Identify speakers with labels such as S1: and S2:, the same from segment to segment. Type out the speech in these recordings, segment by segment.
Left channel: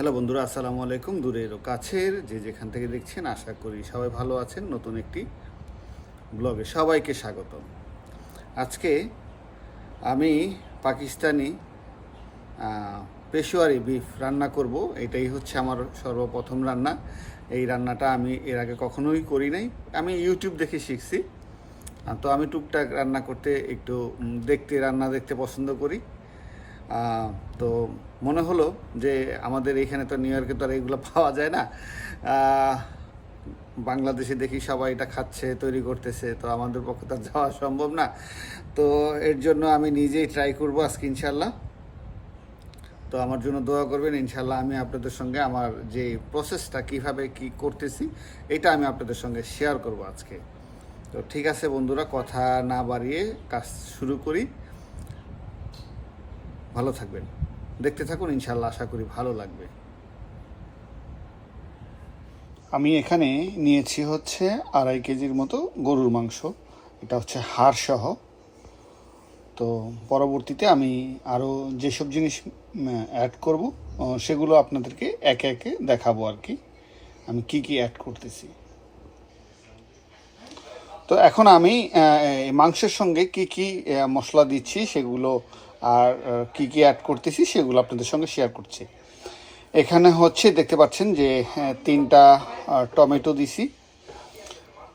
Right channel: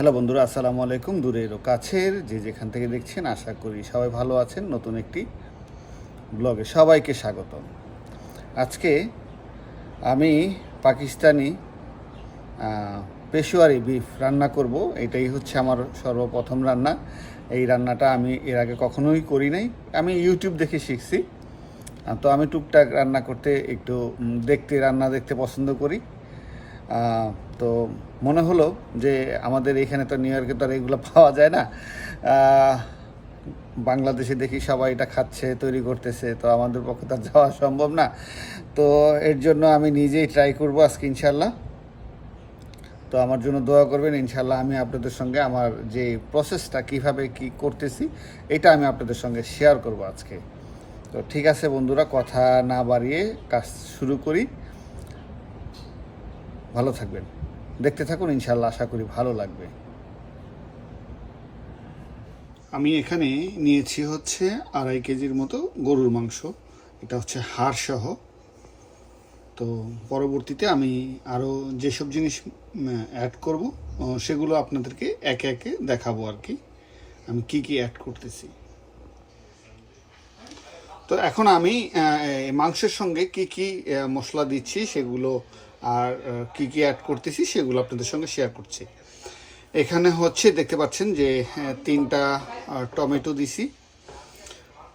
S1: Hello বন্ধুরা, আসসালামু আলাইকুম। দূরের কাছের যে যেখান থেকে দেখছেন, আশা করি সবাই ভালো আছেন। নতুন একটি ব্লগে সবাইকে স্বাগত আজকে আমি পাকিস্তানি পেশোয়ারি বিফ রান্না করব। এটাই হচ্ছে আমার সর্বপ্রথম রান্না। এই রান্নাটা আমি এর আগে কখনোই করি নাই। আমি ইউটিউব দেখে শিখছি। তো আমি টুকটাক রান্না করতে একটু দেখতে, রান্না দেখতে পছন্দ করি। তো মনে হলো যে আমাদের এখানে তো নিউ ইয়র্কে তো আর এগুলো পাওয়া যায় না। বাংলাদেশে দেখি সবাই এটা খাচ্ছে, তৈরি করতেছে, তো আমাদের পক্ষে তো যাওয়া সম্ভব না। তো এর জন্য আমি নিজেই ট্রাই করব আজকে ইনশাল্লাহ তো আমার জন্য দোয়া করবেন ইনশাল্লাহ আমি আপনাদের সঙ্গে আমার যে প্রসেসটা কীভাবে কি করতেছি, এটা আমি আপনাদের সঙ্গে শেয়ার করব আজকে। তো ঠিক আছে বন্ধুরা, কথা না বাড়িয়ে কাজ শুরু করি। ভালো থাকবেন। দেখতে থাকুন ইনশাল্লাহ আশা করি ভালো লাগবে। আমি এখানে নিয়েছি হচ্ছে আড়াই কেজির মতো গরুর মাংস। এটা হচ্ছে হাড় সহ তো পরবর্তীতে আমি আরও যেসব জিনিস অ্যাড করব সেগুলো আপনাদেরকে একে একে দেখাবো আর কি। আমি কি কি অ্যাড করতেছি। তো এখন আমি মাংসের সঙ্গে কি কি মশলা দিচ্ছি সেগুলো আর কি কি অ্যাড করতেছি সেগুলো আপনাদের সঙ্গে শেয়ার করছি। এখানে হচ্ছে দেখতে পাচ্ছেন যে তিনটা টমেটো দিছি,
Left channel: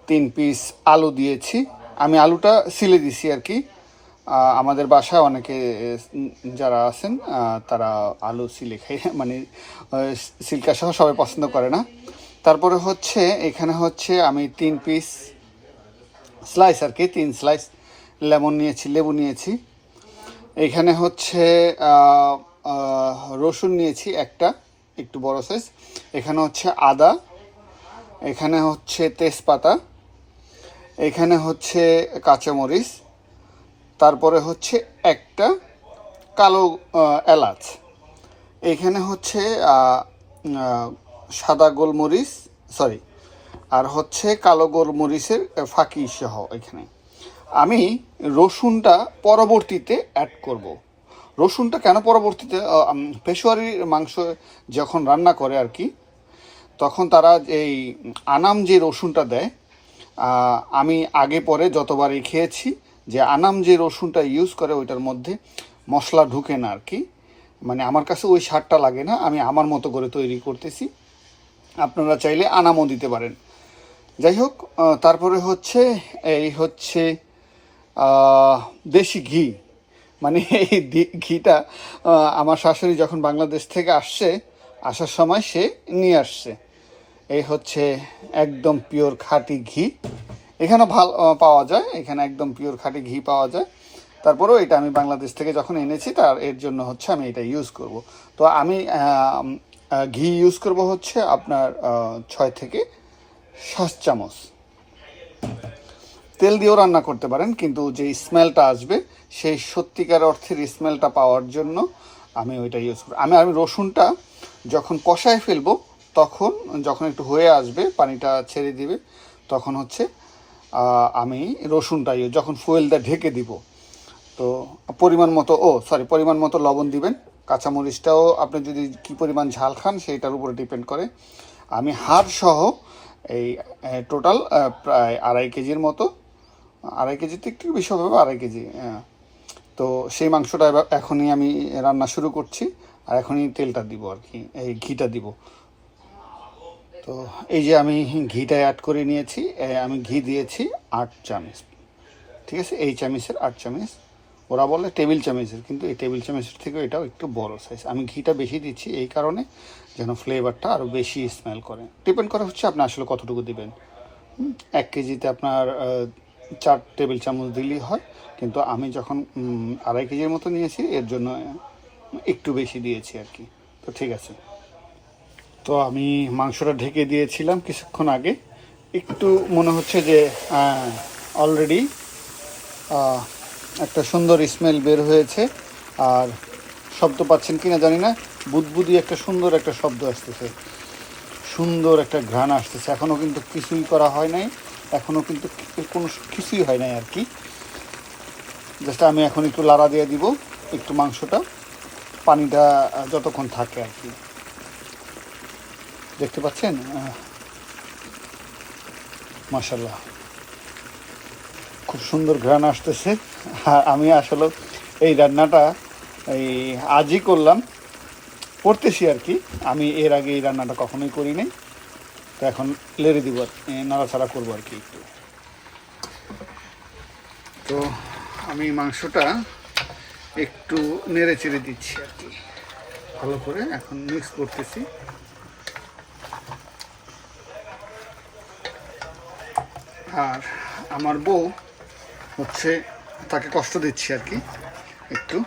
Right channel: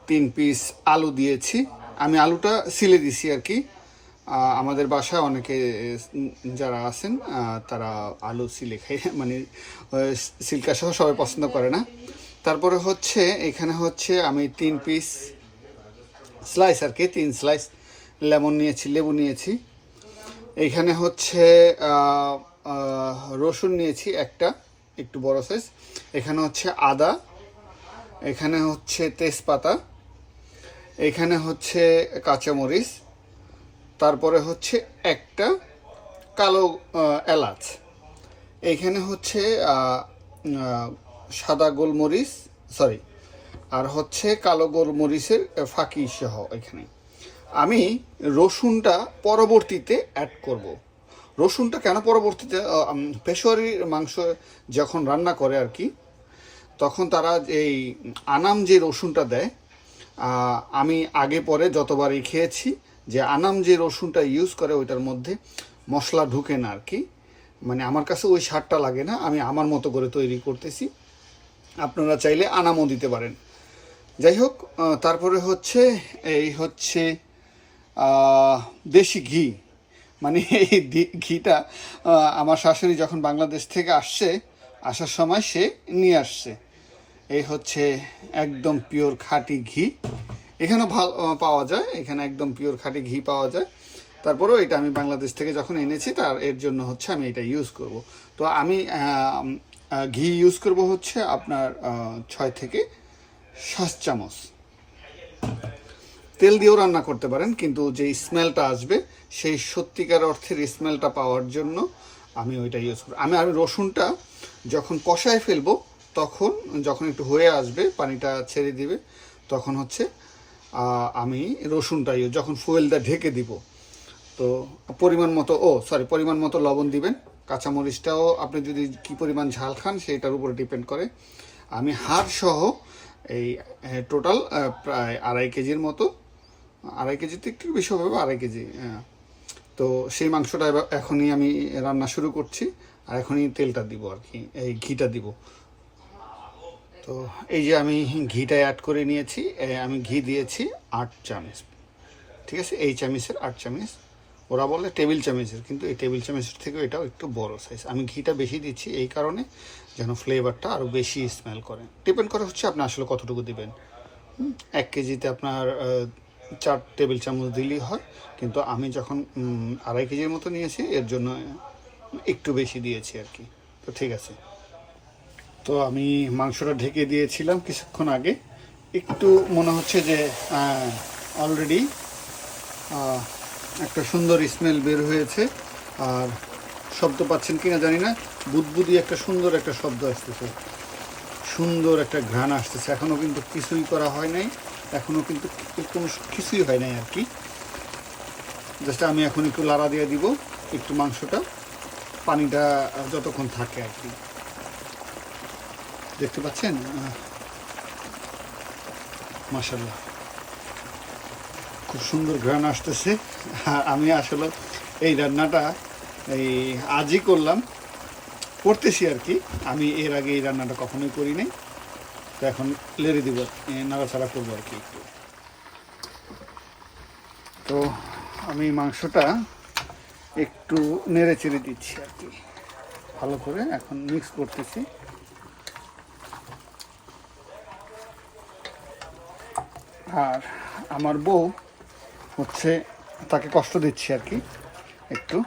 S1: তিন পিস আলু দিয়েছি। আমি আলুটা সিলে দিছি আর কি। আমাদের বাসায় অনেকে যারা আছেন তারা আলু সিলে খাই মানে সিল্কা সহ সবাই পছন্দ করে না। তারপরে হচ্ছে, এখানে হচ্ছে আমি তিন পিস স্লাইস আর কি, তিন স্লাইস লেমন নিয়েছি, লেবু নিয়েছি। এখানে হচ্ছে রসুন নিয়েছি একটা, একটু বড় সাইজ এখানে হচ্ছে আদা, এখানে হচ্ছে তেজপাতা, এখানে হচ্ছে কাঁচামরিচ, তারপরে হচ্ছে একটা কালো এলাচ। এখানে হচ্ছে সাদা গোলমরিচ সরি আর হচ্ছে কালো গোলমরিচের ফাঁকি সহ এখানে। আমি রসুনটা পরবর্তীতে অ্যাড করব। রসুনটা কেন পরবর্তীতে পেশোয়ারির মাংস যখন রান্না করে আর কি, তখন তারা এই আনাম যে রসুনটা দেয় আমি আগে পরে যতবারই খেয়েছি, যে আনাম যে রসুনটা ইউজ করে ওইটার মধ্যে মশলা ঢুকে না আর কি। মানে আমার কাছে ওই সারটা লাগে না, আমি আমার মতো করে তৈরি করতেছি। আপনারা চাইলে আনামও দিতে পারেন। যাই হোক তারপরে হচ্ছে, এই হচ্ছে দেশি ঘি। মানে এই ঘিটা আমার শাশুড়ি যখন বাংলাদেশ থেকে আসছে, আসার সময় সে নিয়ে আসছে। এই হচ্ছে একদম পিওর খাঁটি ঘি। এখানে ভালো পাওয়া যায়। এখানে একদম পিওর খাঁটি ঘি পাওয়া যায়। তারপরেও এটা আমি বাংলাদেশ থেকে যখন এনেছি, তার, এর জন্য হচ্ছে আমি এটা ইউজ করব। তো আমি ঘি ইউজ করব হচ্ছে আপনার ছয় থেকে সাত চামচ। তেল দিয়েও রান্না করতে পারেন, কিন্তু যে স্মেলটা আসবে, সেই সত্যিকার অর্থের স্মেলটা পাওয়ার জন্য আমি ওইটা ইউজ করি আমি আমি রসুনটা যখন কষায় ফেলব, তখন যখন একটু হয়ে আসবে, পানিটা ছেড়ে দিবে, তখন হচ্ছে আমি রসুনটা ইয়ে- যখন ফুয়েলটা ঢেকে দিব, তো পরিমাণ মতো, ও সরি পরিমাণ মতো লবণ দিবেন। কাঁচামরিচটাও আপনি যদি কি পরিমাণ ঝাল খান, সেইটার উপরে ডিপেন্ড করে। আমি হাড় সহ এই টোটাল প্রায় আড়াই কেজির মতো আড়াই কেজিতে একটু বেশি হবে, আড়াই কেজি হ্যাঁ। তো সেই মাংসটা এখনই আমি রান্না শুরু করছি, আর এখনই তেলটা দিব আর কি, এই ঘিটা দিব। তো এই যে আমি ঘিটা অ্যাড করে নিয়েছি আমি ঘি দিয়েছি আট চামচ, ঠিক আছে? এই চামচের আট চামচ, ওরা বলে টেবিল চামচের, কিন্তু এই টেবিল চামচের থেকেও এটাও একটু বড় সাইজ আমি ঘিটা বেশি দিচ্ছি এই কারণে যেন ফ্লেভারটা আরও বেশি স্মেল করে। ডিপেন্ড করা হচ্ছে আপনি আসলে কতটুকু দিবেন। এক কেজিতে আপনার চার টেবিল চামচ দিলেই হয়। কিন্তু আমি যখন আড়াই কেজির মতো নিয়েছি, এর জন্য একটু বেশি দিয়েছি আর কি। তো ঠিক আছে। তো আমি মাংসটা ঢেকে দিয়েছিলাম কিছুক্ষণ আগে। একটু মনে হচ্ছে যে অলরেডি একটা সুন্দর স্মেল বের হয়েছে। আর শব্দ পাচ্ছেন কিনা জানি না। বুদবুদি একটা সুন্দর একটা শব্দ আসতেছে। সুন্দর একটা ঘ্রাণ আসতেছে। এখনও কিন্তু কিছুই করা হয় নাই। এখনও কিন্তু কোনো কিছুই হয় নাই আর কি। জাস্ট আমি এখন একটু লাড়া দিয়ে দিব, একটু মাংসটা, পানিটা যতক্ষণ থাকে আর কি। দেখতে পাচ্ছেন? মাসাল্লাহ খুব সুন্দর ঘ্রাণ আসতেছে। আমি আসলে এই রান্নাটা এই আজই করলাম, করতেছি আর কি। আমি এর আগে এই রান্নাটা কখনোই করি নাই। তো এখন লেড়ে দিব নাড়াচাড়া করব আর কি একটু। তো আমি মাংসটা একটু নেড়ে চেড়ে দিচ্ছি আর কি। ভালো করে এখন মিক্স করতেছি। আর আমার বউ হচ্ছে তাকে কষ্ট দিচ্ছি আর কি, একটু।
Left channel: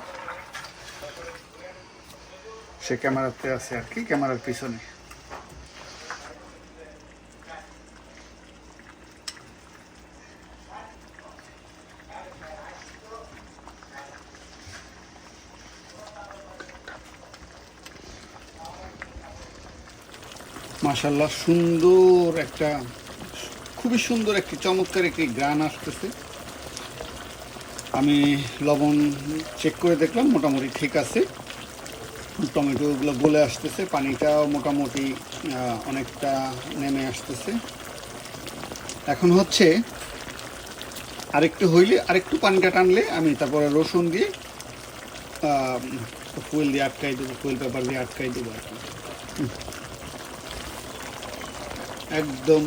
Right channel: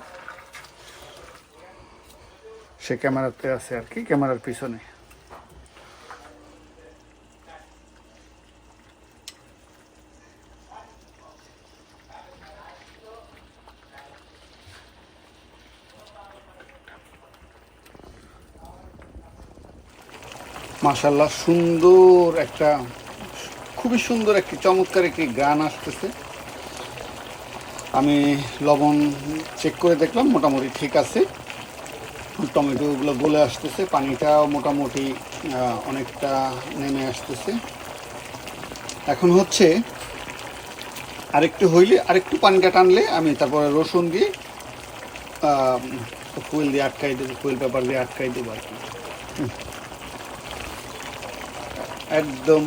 S1: সে ক্যামেরাতে আছে আর কি, ক্যামেরার পিছনে। মাশাল্লাহ সুন্দর একটা, খুবই সুন্দর একটি চমৎকার একটি গান আসতেছে। আমি লবণ চেক করে দেখলাম, মোটামুটি ঠিক আছে। টমেটোগুলো গলে আসতেছে, পানিটাও মোটামুটি অনেকটা নেমে আসতেছে। এখন হচ্ছে আরেকটু হইলে, আরেকটু পানিটা টানলে আমি তারপরে রসুন দিয়ে ফুল দিয়ে আটকাই দেবো ফুল পেপার দিয়ে আটকাই দেবো আর কি। একদম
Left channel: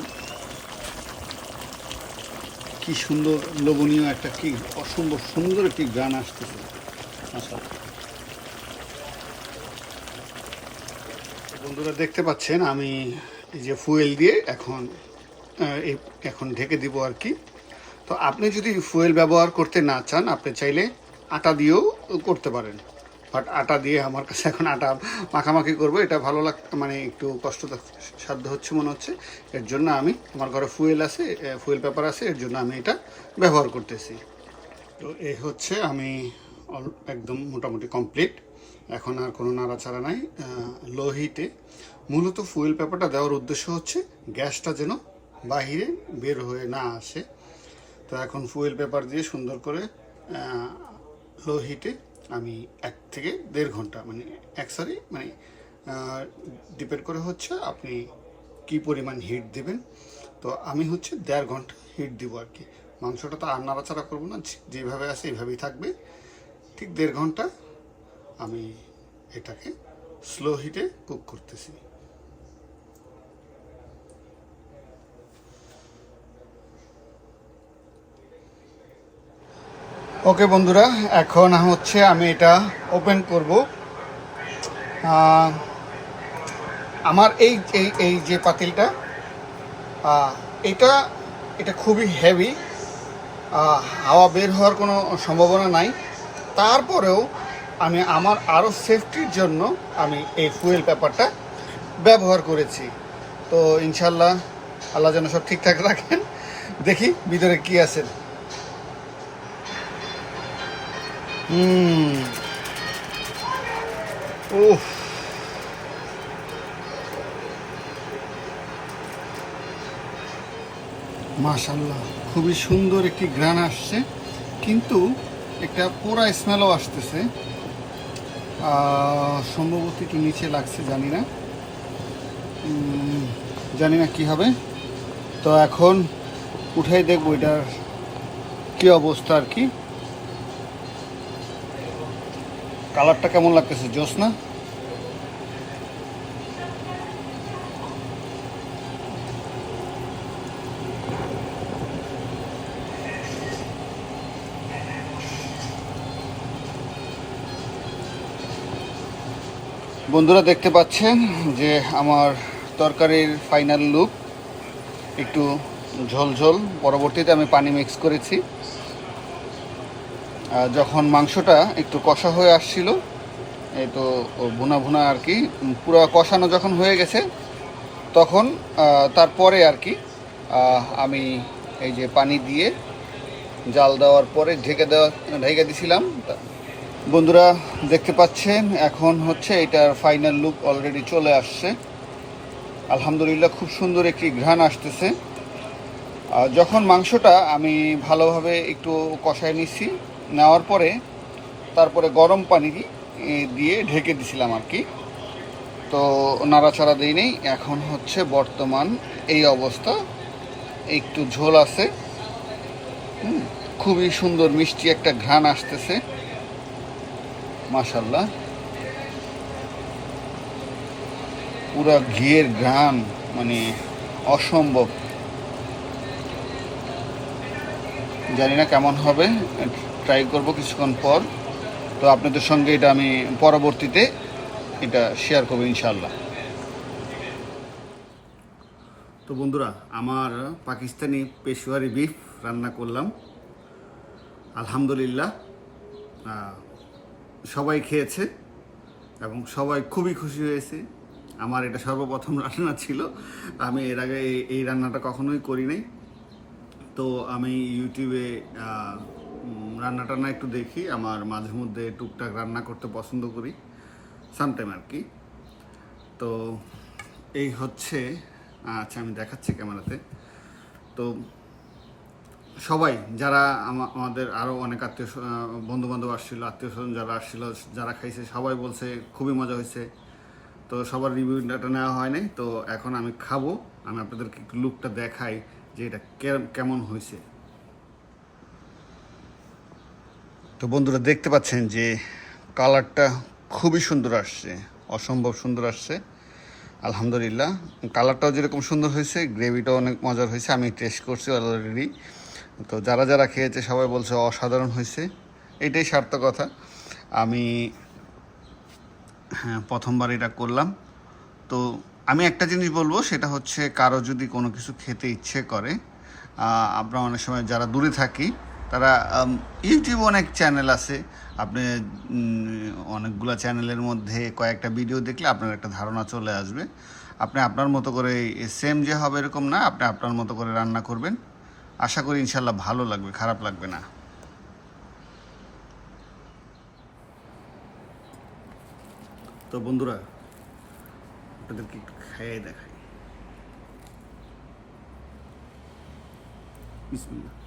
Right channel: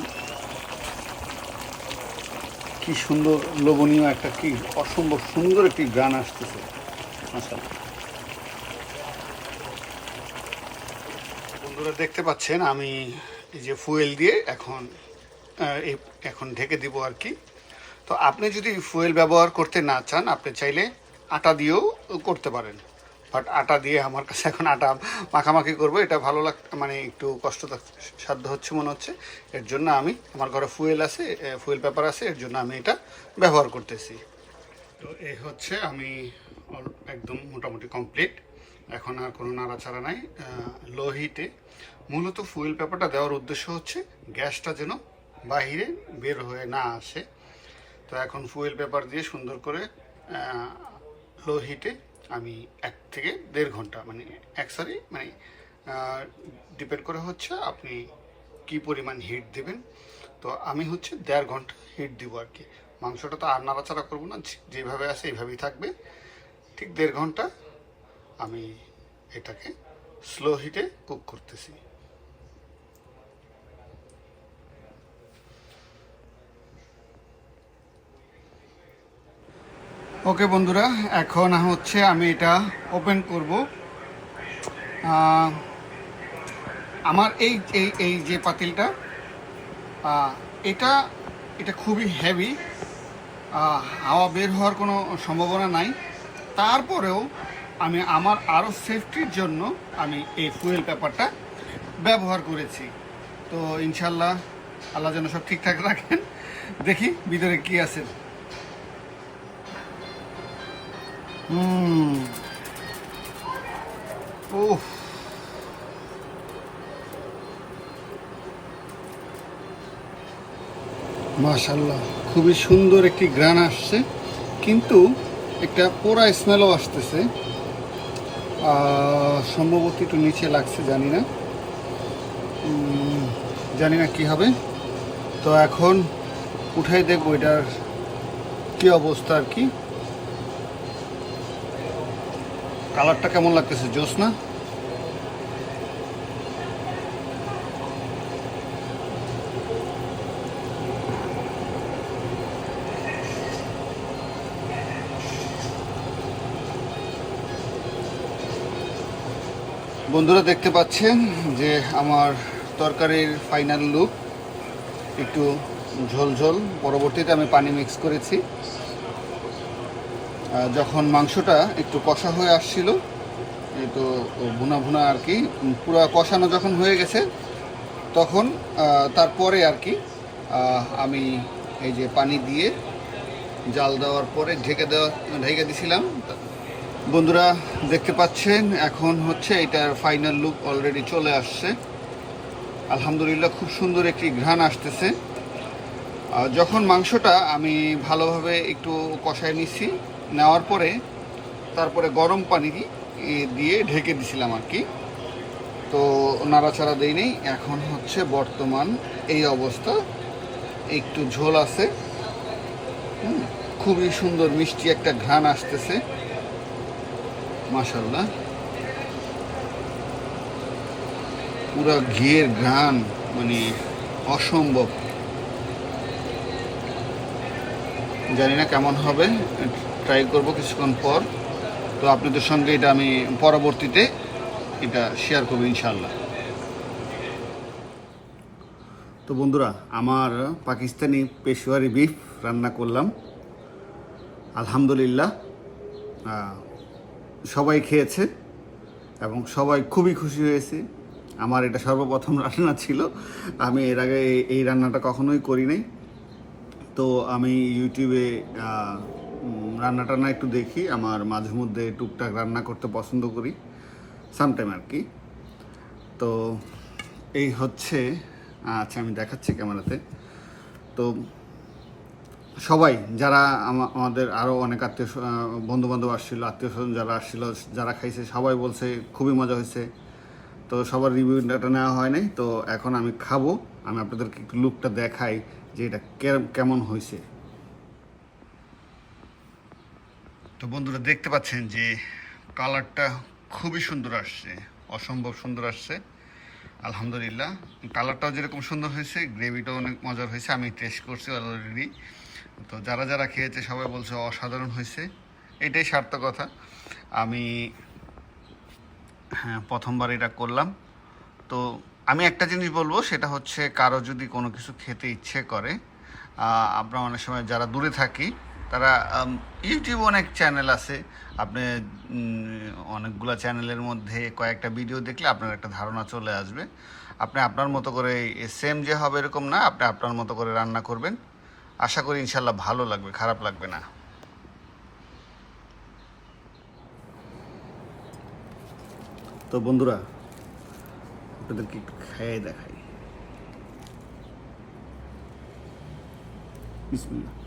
S1: কি সুন্দর লোভনীয় একটা কি অসম্ভব সুন্দর একটি গান আসতেছে। আচ্ছা। বন্ধুরা দেখতে পাচ্ছেন, আমি এই যে ফুয়েল দিয়ে এখন এই এখন ঢেকে দিব আর কি। তো আপনি যদি ফুয়েল ব্যবহার করতে না চান, আপনি চাইলে আটা দিয়েও করতে পারেন। বাট আটা দিয়ে আমার কাছে এখন আটা মাখামাখি করব। এটা ভালো লাগ মানে একটু কষ্ট সাধ্য হচ্ছে মনে হচ্ছে। এর জন্য আমি, আমার ঘরে ফুয়েল আছে ফুয়েল পেপার আছে, এর জন্য আমি এটা ব্যবহার করতেছি। তো এই হচ্ছে আমি একদম মোটামুটি কমপ্লিট। এখন আর কোনো নাড়াচাড়া নাই। লো হিটে। মূলত ফুয়েল পেপারটা দেওয়ার উদ্দেশ্য হচ্ছে গ্যাসটা যেন বাহিরে বের হয়ে না আসে। তো এখন ফুয়েল পেপার দিয়ে সুন্দর করে লো হিটে আমি এক থেকে দেড় ঘণ্টা মানে এক সারি মানে ডিপেন্ড করে হচ্ছে আপনি কি পরিমাণ হিট দেবেন। তো আমি হচ্ছে দেড় ঘণ্টা হিট দিব আর কি। মাংসটা তো আর নাড়াচাড়া করব না যেভাবে আছে এইভাবেই থাকবে। ঠিক দেড় ঘণ্টা আমি এটাকে স্লো হিটে কুক করতেছি। ওকে বন্ধুরা, এখন হচ্ছে আমি এটা ওপেন করব। আমার এই এই এই যে পাতিলটা এটা এটা খুবই হেভি হাওয়া বের হওয়ার কোনো সম্ভাবনা নাই। তারপরেও আমি আমার আরও সেফটির জন্য আমি এই ফুয়েল পেপারটা ব্যবহার করেছি। তো ইনশাল্লাহ আল্লাহ যেন সব ঠিকঠাক রাখেন। দেখি ভিতরে কি আছে। হুম উফ মাশাল্লাহ খুবই সুন্দর একটি গ্রান আসছে, কিন্তু একটা পোড়া স্মেলও আসতেছে। সম্ভবত একটু নিচে লাগছে, জানি না। জানি না কি হবে। তো এখন উঠাই দেখব এটার কি অবস্থা আর কি। কালারটা কেমন লাগতেছে, জোস না? বন্ধুরা দেখতে পাচ্ছেন যে আমার তরকারির ফাইনাল লুক একটু ঝোলঝোল। পরবর্তীতে আমি পানি মিক্স করেছি। যখন মাংসটা একটু কষা হয়ে আসছিল, এই তো ভুনা ভুনা আর কি, পুরো কষানো যখন হয়ে গেছে, তখন তারপরে আর কি আমি এই যে পানি দিয়ে জাল দেওয়ার পরে ঢেকে দেওয়া, ঢেকে দিছিলাম। বন্ধুরা দেখতে পাচ্ছেন, এখন হচ্ছে এটার ফাইনাল লুক অলরেডি চলে আসছে। আলহামদুলিল্লাহ খুব সুন্দর একটি ঘ্রাণ আসতেছে। যখন মাংসটা আমি ভালোভাবে একটু কষায় নিচ্ছি নেওয়ার পরে তারপরে গরম পানি দিয়ে ঢেকে দিছিলাম আর কি। তো নাড়াচাড়া দিই নেই। এখন হচ্ছে বর্তমান এই অবস্থা। একটু ঝোল আছে। খুবই সুন্দর মিষ্টি একটা ঘ্রাণ আসতেছে। মাশাল্লাহ পুরা ঘিয়ের ঘ্রাণ মানে অসম্ভব। জানি না কেমন হবে। ট্রাই করব কিছুক্ষণ পর। তো আপনাদের সঙ্গে এটা আমি পরবর্তীতে এটা শেয়ার করব ইনশাল্লাহ তো বন্ধুরা, আমার পাকিস্তানি পেশোয়ারি বিফ রান্না করলাম। আলহামদুলিল্লাহ সবাই খেয়েছে এবং সবাই খুবই খুশি হয়েছে। আমার এটা সর্বপ্রথম রান্না ছিল। আমি এর আগে এই- রান্নাটা কখনোই করি নাই। তো আমি ইউটিউবে রান্না টান্না একটু দেখি, আমার মাঝে মধ্যে টুকটাক রান্না করতে পছন্দ করি সামটাইম আর কি। তো এই হচ্ছে আচ্ছা আমি দেখাচ্ছি ক্যামেরাতে। তো সবাই, যারা আমাদের আরও অনেক আত্মীয় বন্ধু বান্ধব আসছিল, আত্মীয় স্বজন যারা আসছিল, যারা খাইছে, সবাই বলছে খুবই মজা হয়েছে। তো সবার রিভিউ রিভিউটা নেওয়া হয় নাই, তো এখন আমি খাব। আমি আপনাদেরকে একটু লুকটা দেখাই যে এটা কেমন হয়েছে। তো বন্ধুরা দেখতে পাচ্ছেন যে কালারটা খুবই সুন্দর আসছে, অসম্ভব সুন্দর আসছে। আলহামদুলিল্লাহ, কালারটাও যেরকম সুন্দর হয়েছে, গ্রেভিটাও অনেক মজার হয়েছে, আমি টেস্ট করছি অলরেডি তো যারা যারা খেয়েছে সবাই বলছে অসাধারণ হয়েছে, এটাই সার্থকতা আমি হ্যাঁ প্রথমবার এটা করলাম। তো আমি একটা জিনিস বলব, সেটা হচ্ছে কারও যদি কোনো কিছু খেতে ইচ্ছে করে আমরা অনেক সময় যারা দূরে থাকি তারা ইউটিউব অনেক চ্যানেল আছে। আপনি অনেকগুলো চ্যানেলের মধ্যে কয়েকটা ভিডিও দেখলে আপনার একটা ধারণা চলে আসবে। আপনি আপনার মতো করে সেম যে হবে এরকম না, আপনি আপনার মতো করে রান্না করবেন। আশা করি ইনশাল্লাহ ভালো লাগবে, খারাপ লাগবে না। তো বন্ধুরা, আপনাদেরকে খাইয়ে দেখাই। বিসমিল্লাহ।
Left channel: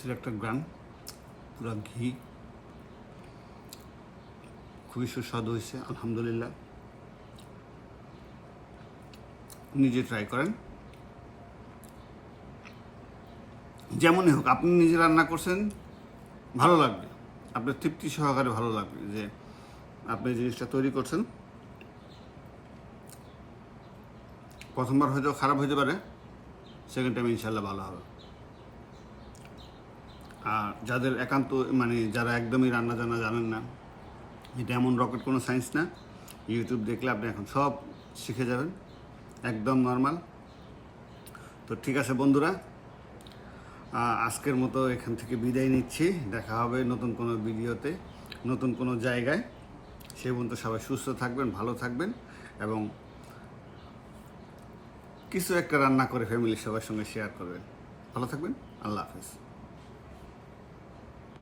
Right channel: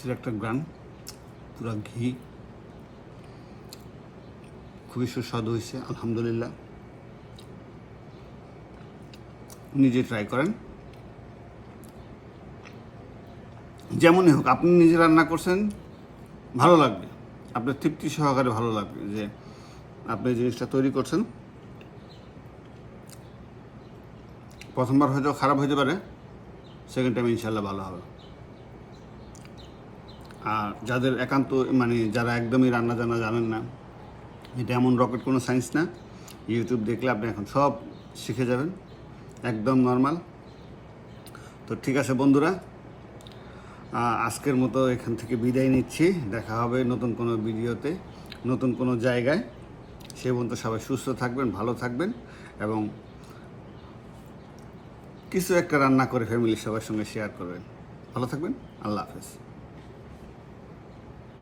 S1: অস্থির একটা গ্রান পুরা ঘি। খুবই সুস্বাদু হয়েছে, আলহামদুলিল্লাহ। নিজে ট্রাই করেন, যেমনই হোক, আপনি নিজে রান্না করছেন, ভালো লাগবে। আপনার তৃপ্তি সহকারে ভালো লাগবে যে আপনি জিনিসটা তৈরি করছেন। প্রথমবার হয়তো খারাপ হতে পারে সেকেন্ড টাইম ইনশাল্লাহ ভালো হবে। আর যাদের একান্ত মানে যারা একদমই রান্না জানা জানেন না, এটা এমন রকেট কোনো সায়েন্স না। ইউটিউব দেখলে আপনি এখন সব শিখে যাবেন, একদম নর্মাল তো ঠিক আছে বন্ধুরা আজকের মতো এখান থেকে বিদায় নিচ্ছি। দেখা হবে নতুন কোনো ভিডিওতে, নতুন কোনো জায়গায়। সে পর্যন্ত সবাই সুস্থ থাকবেন, ভালো থাকবেন এবং কিছু একটা রান্না করে ফ্যামিলির সবার সঙ্গে শেয়ার করবেন। ভালো থাকবেন, আল্লাহ হাফেজ।